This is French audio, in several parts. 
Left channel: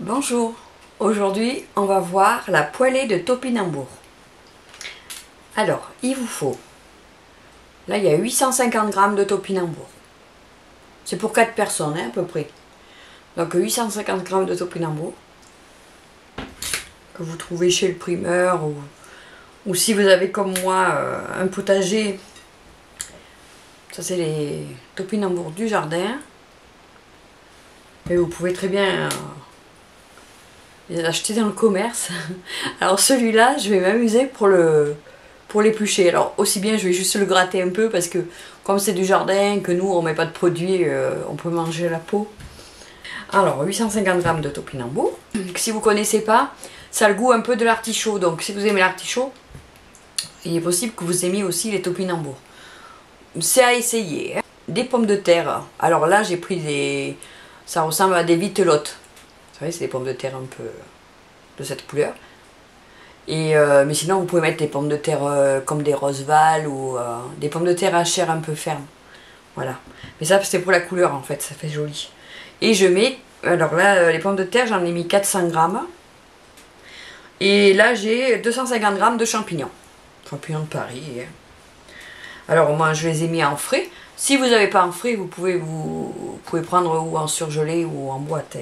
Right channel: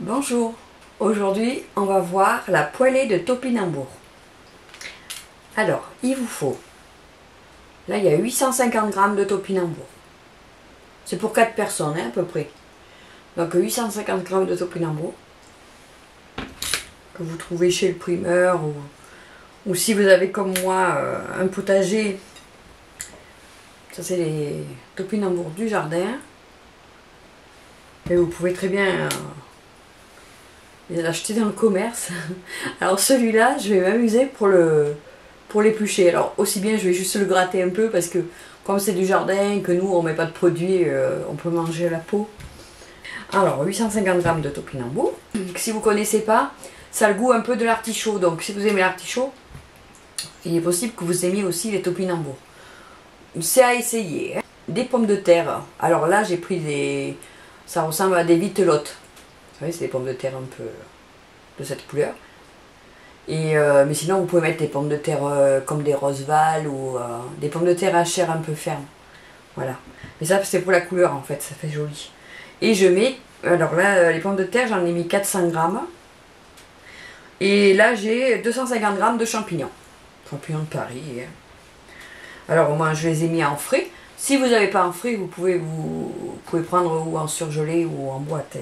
Bonjour, aujourd'hui on va voir la poêlée de topinambour. Alors, il vous faut, là il y a 850 g de topinambour. C'est pour 4 personnes hein, à peu près. Donc 850 g de topinambour que vous trouvez chez le primeur ou si vous avez comme moi un potager. Ça c'est les topinambours du jardin. Et vous pouvez très bien les acheter dans le commerce. Alors celui-là, je vais m'amuser pour l'éplucher. Alors aussi bien, je vais juste le gratter un peu parce que comme c'est du jardin, que nous on met pas de produits, on peut manger la peau. Alors 850 g de topinambour. Si vous connaissez pas, ça a le goût un peu de l'artichaut. Donc si vous aimez l'artichaut, il est possible que vous aimiez aussi les topinambours. C'est à essayer. Hein. Des pommes de terre. Alors là, j'ai pris des... Ça ressemble à des vitelottes. Vous savez, c'est des pommes de terre un peu de cette couleur. Et mais sinon, vous pouvez mettre des pommes de terre comme des Roseval ou des pommes de terre à chair un peu ferme. Voilà. Mais ça, c'est pour la couleur en fait. Ça fait joli. Et je mets... Alors là, les pommes de terre, j'en ai mis 400 g. Et là, j'ai 250 g de champignons. Champignons de Paris. Hein. Alors moi je les ai mis en frais. Si vous n'avez pas en frais, vous pouvez prendre ou en surgelé ou en boîte.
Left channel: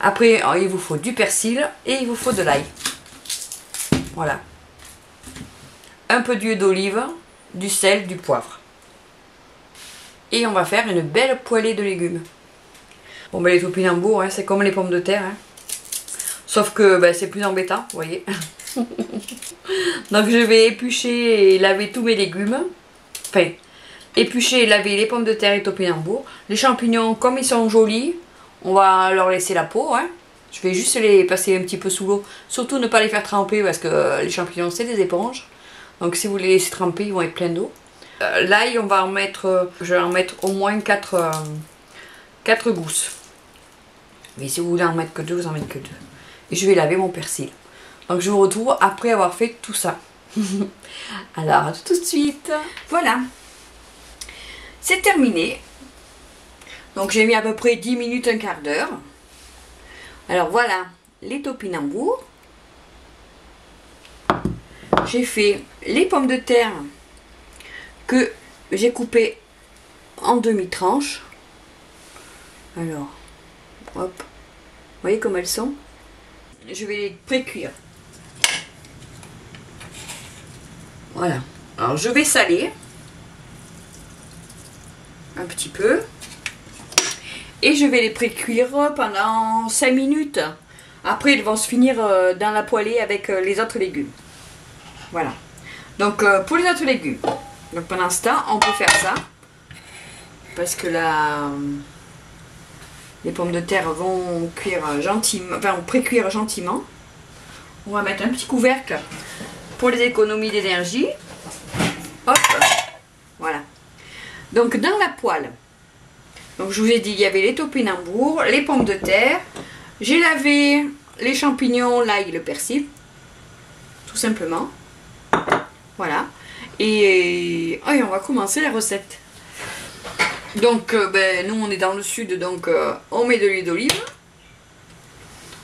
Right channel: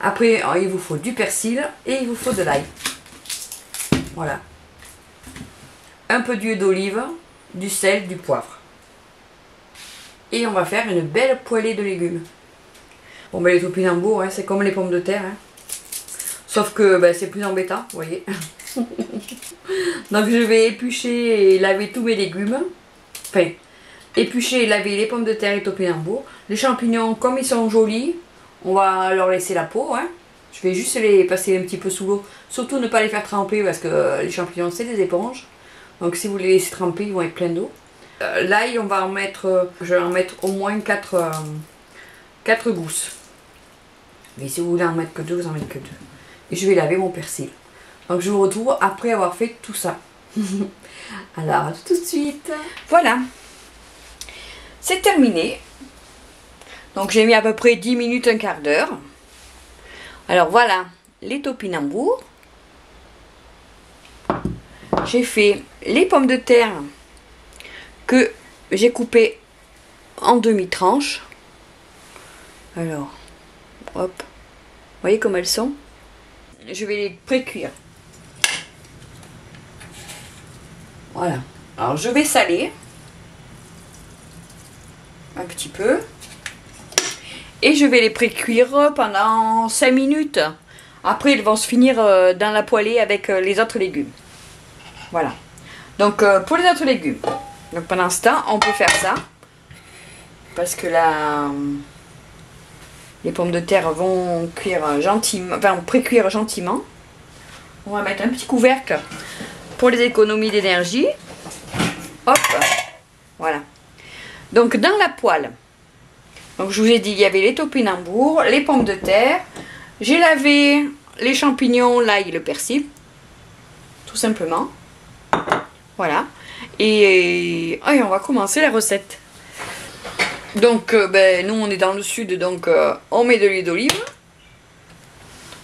Après il vous faut du persil et il vous faut de l'ail. Voilà. Un peu d'huile d'olive, du sel, du poivre. Et on va faire une belle poêlée de légumes. Bon ben les topinambours, hein, c'est comme les pommes de terre. Hein. Sauf que ben, c'est plus embêtant, vous voyez. Donc je vais éplucher et laver tous mes légumes. Enfin, éplucher et laver les pommes de terre et topinambour. Les champignons, comme ils sont jolis, on va leur laisser la peau. Hein. Je vais juste les passer un petit peu sous l'eau. Surtout ne pas les faire tremper parce que les champignons c'est des éponges. Donc si vous les laissez tremper, ils vont être pleins d'eau. L'ail, on va en mettre, je vais en mettre au moins 4 gousses. Mais si vous voulez en mettre que 2, vous en mettez que 2. Et je vais laver mon persil. Donc je vous retrouve après avoir fait tout ça. Alors à tout de suite. Voilà. C'est terminé. Donc j'ai mis à peu près 10 minutes, un quart d'heure. Alors voilà les topinambours. J'ai fait les pommes de terre que j'ai coupées en demi-tranches. Alors, hop. Vous voyez comme elles sont? Je vais les pré-cuire. Voilà. Alors je vais saler un petit peu. Et je vais les pré-cuire pendant 5 minutes. Après ils vont se finir dans la poêlée avec les autres légumes. Voilà. Donc pour les autres légumes. Donc pendant ce temps on peut faire ça. Parce que là les pommes de terre vont cuire gentiment. Enfin pré-cuire gentiment. On va mettre un petit couvercle. Pour les économies d'énergie, hop, voilà. Donc dans la poêle, donc je vous ai dit, il y avait les topinambours, les pommes de terre. J'ai lavé les champignons, l'ail et le persil, tout simplement. Voilà. Et on va commencer la recette. Donc ben, nous on est dans le sud, donc on met de l'huile d'olive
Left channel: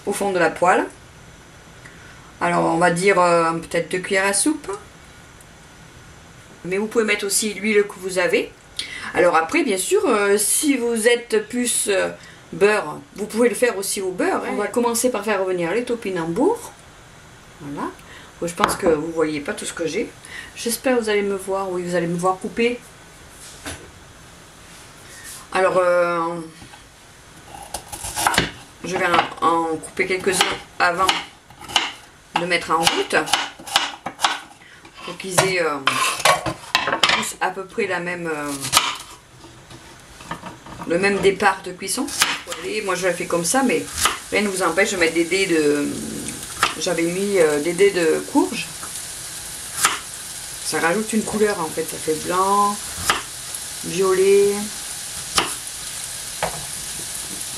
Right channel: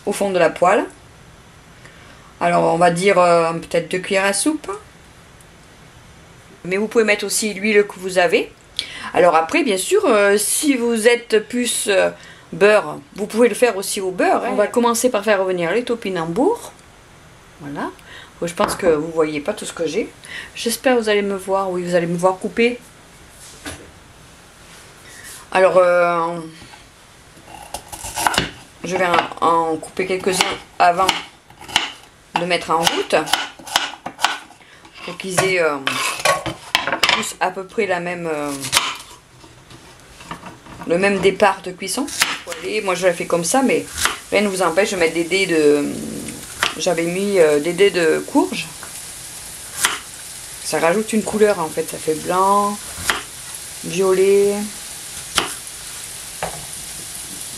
au fond de la poêle. Alors on va dire peut-être 2 cuillères à soupe. Mais vous pouvez mettre aussi l'huile que vous avez. Alors après bien sûr si vous êtes plus beurre, vous pouvez le faire aussi au beurre. Hein. On va commencer par faire revenir les topinambours. Voilà. Je pense que vous ne voyez pas tout ce que j'ai. J'espère que vous allez me voir. Oui, vous allez me voir couper. Alors je vais en couper quelques-uns avant de mettre en route pour qu'ils aient tous à peu près la même le même départ de cuisson. Et moi je l'ai fait comme ça, mais rien ne vous empêche de mettre des dés de... J'avais mis des dés de courge. Ça rajoute une couleur en fait, ça fait blanc, violet,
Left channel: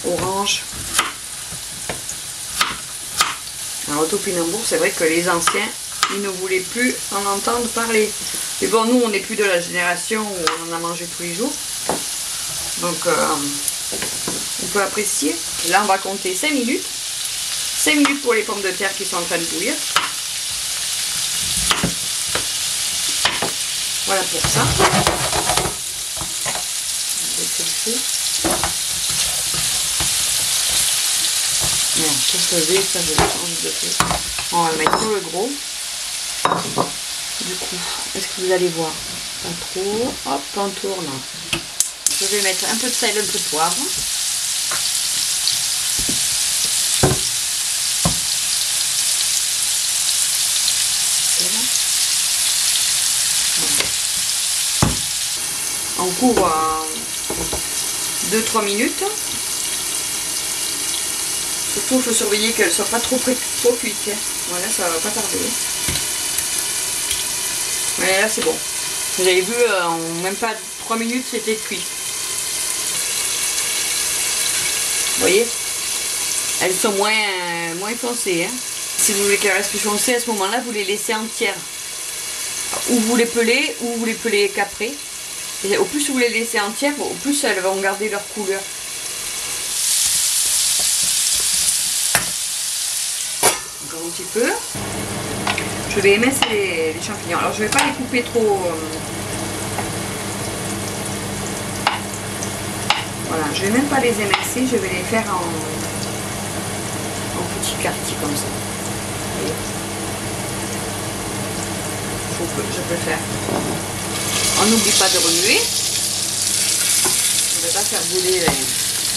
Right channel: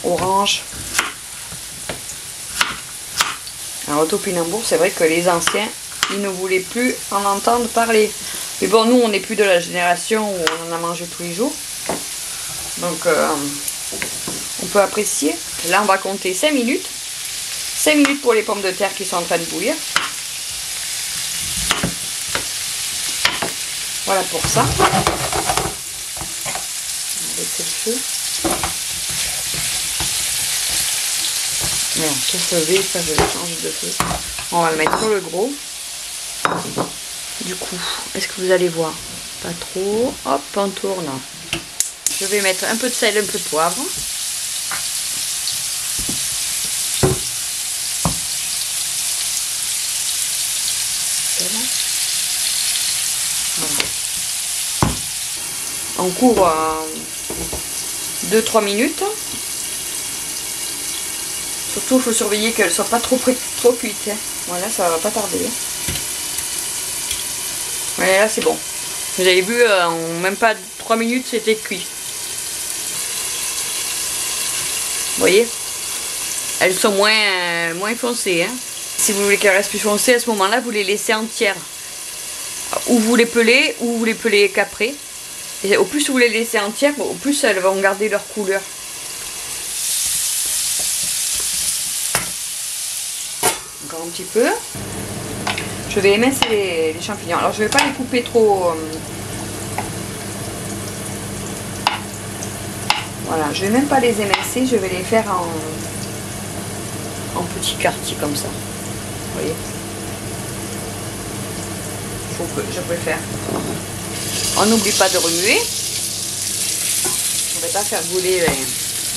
orange. Alors, le topinambour, c'est vrai que les anciens, ils ne voulaient plus en entendre parler. Mais bon, nous, on n'est plus de la génération où on en a mangé tous les jours. Donc, on peut apprécier. Là, on va compter 5 minutes. 5 minutes pour les pommes de terre qui sont en train de bouillir. Voilà pour ça. On va baisser le feu. Non, tout lever, ça je le change de feu. On va le mettre sur le gros. Du coup, est-ce que vous allez voir? Pas trop. Hop, on tourne. Je vais mettre un peu de sel, un peu de poivre. On couvre 2-3 minutes. Surtout, il faut surveiller qu'elle ne soit pas trop cuite. Voilà, ça va pas tarder. Voilà, là c'est bon. Vous avez vu, en même pas 3 minutes, c'était cuit. Vous voyez? Elles sont moins foncées. Hein. Si vous voulez qu'elles restent plus foncées, à ce moment-là, vous les laissez entières. Ou vous les pelez, ou vous les pelez caprées. Et au plus vous les laissez entières, au plus elles vont garder leur couleur. Encore un petit peu. Je vais émincer les champignons. Alors je ne vais pas les couper trop. Voilà, je ne vais même pas les émincer, je vais les faire en petits quartiers comme ça. Vous voyez? Je peux le faire. On n'oublie pas de remuer. On ne va pas faire brûler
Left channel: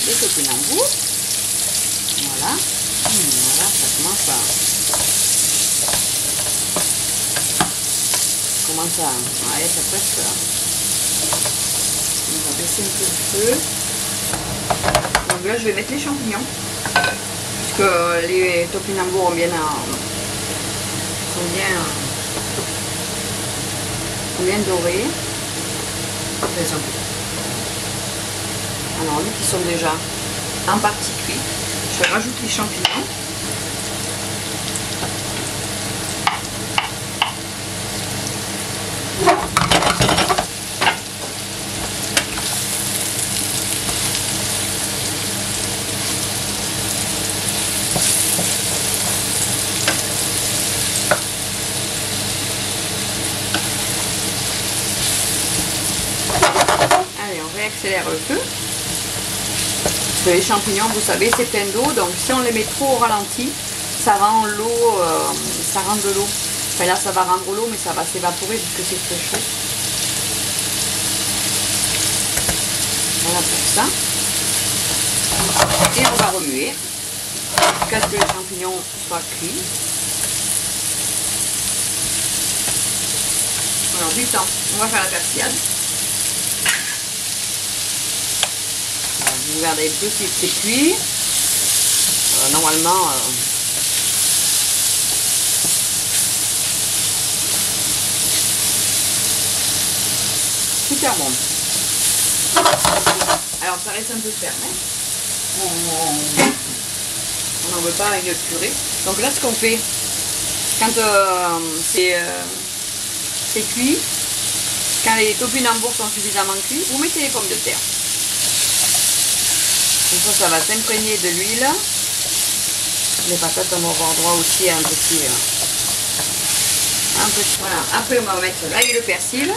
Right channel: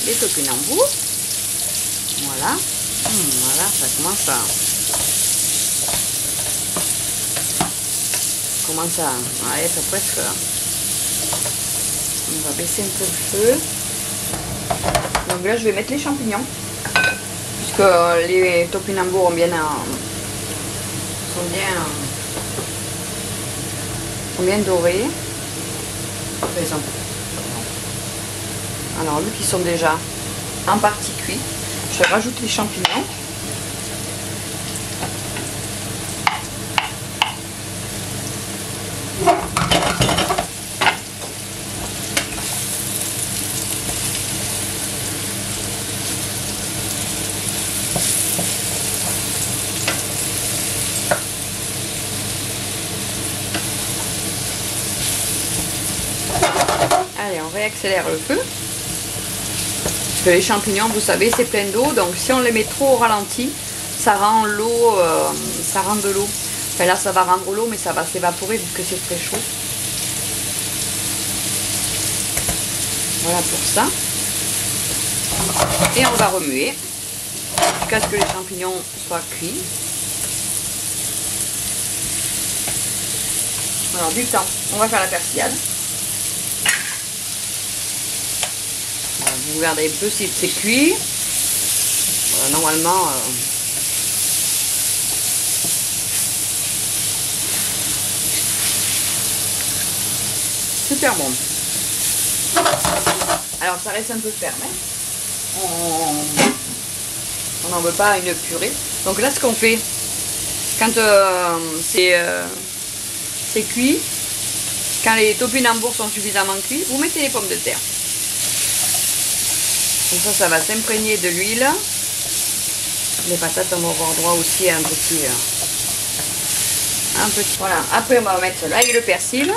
les topinambours. Voilà. Voilà, ça commence à... Ouais, ça presque. On va baisser un peu le feu. Donc là, je vais mettre les champignons. Parce que les topinambours sont bien dorés. Alors, vu qu'ils sont déjà en partie cuits, je rajoute les champignons. Allez, on réaccélère le feu. Parce que les champignons, vous savez, c'est plein d'eau. Donc si on les met trop au ralenti, ça rend l'eau, ça rend de l'eau. Enfin là, ça va rendre l'eau, mais ça va s'évaporer vu que c'est très chaud. Voilà pour ça. Et on va remuer jusqu'à ce que les champignons soient cuits. Alors du temps, on va faire la persillade. Vous regardez un peu si c'est cuit. Normalement, super bon. Alors ça reste un peu ferme. Hein. On n'en veut pas une purée. Donc là, ce qu'on fait, quand c'est cuit, quand les topinambours sont suffisamment cuits, vous mettez les pommes de terre. Comme ça va s'imprégner de l'huile. Les patates, on va avoir droit aussi à un petit. Voilà. Après, on va mettre l'ail et le persil.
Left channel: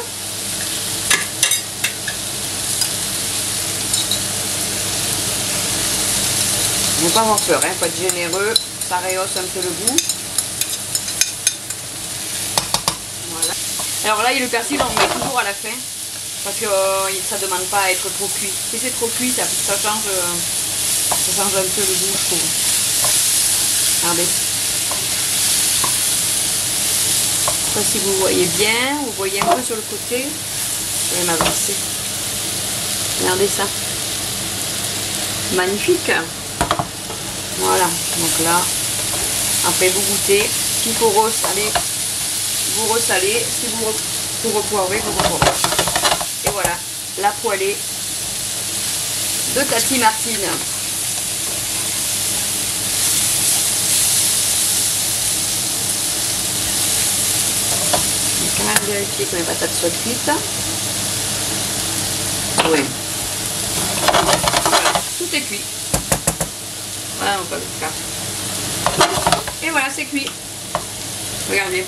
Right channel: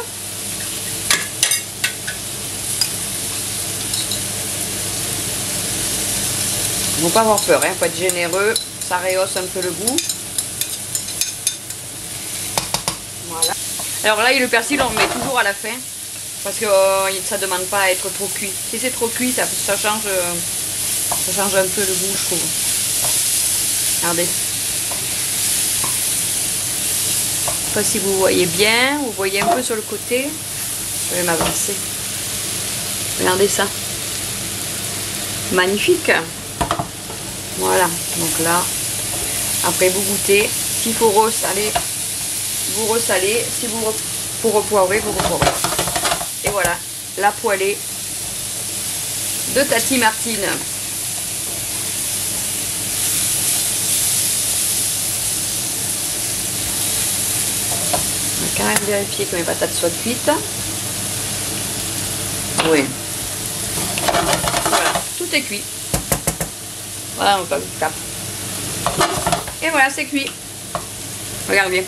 Il ne faut pas avoir peur, il faut être généreux. Ça rehausse un peu le goût. Voilà. Alors l'ail et le persil, on le met toujours à la fin. Parce que ça ne demande pas à être trop cuit. Si c'est trop cuit, ça change un peu le goût, je trouve. Regardez. Je ne sais pas si vous voyez bien. Vous voyez un peu sur le côté. Je vais m'avancer. Regardez ça. Magnifique. Voilà. Donc là, après vous goûtez. S'il faut ressaler, vous ressalez. Si vous repoivrez, vous repoivrez. Et voilà, la poêlée de Tati Martine. Je vais quand même vérifier que mes patates soient cuites. Oui. Voilà, tout est cuit. Voilà, on peut le faire. Et voilà, c'est cuit. Regardez.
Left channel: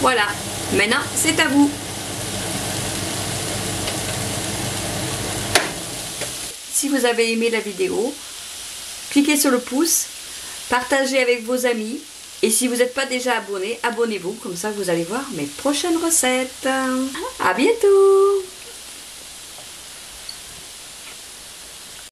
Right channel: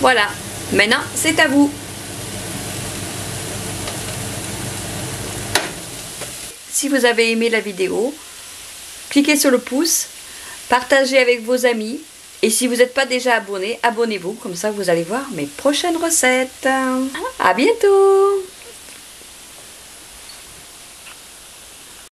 Voilà. Maintenant, c'est à vous. Si vous avez aimé la vidéo, cliquez sur le pouce, partagez avec vos amis. Et si vous n'êtes pas déjà abonné, abonnez-vous. Comme ça, vous allez voir mes prochaines recettes. À bientôt!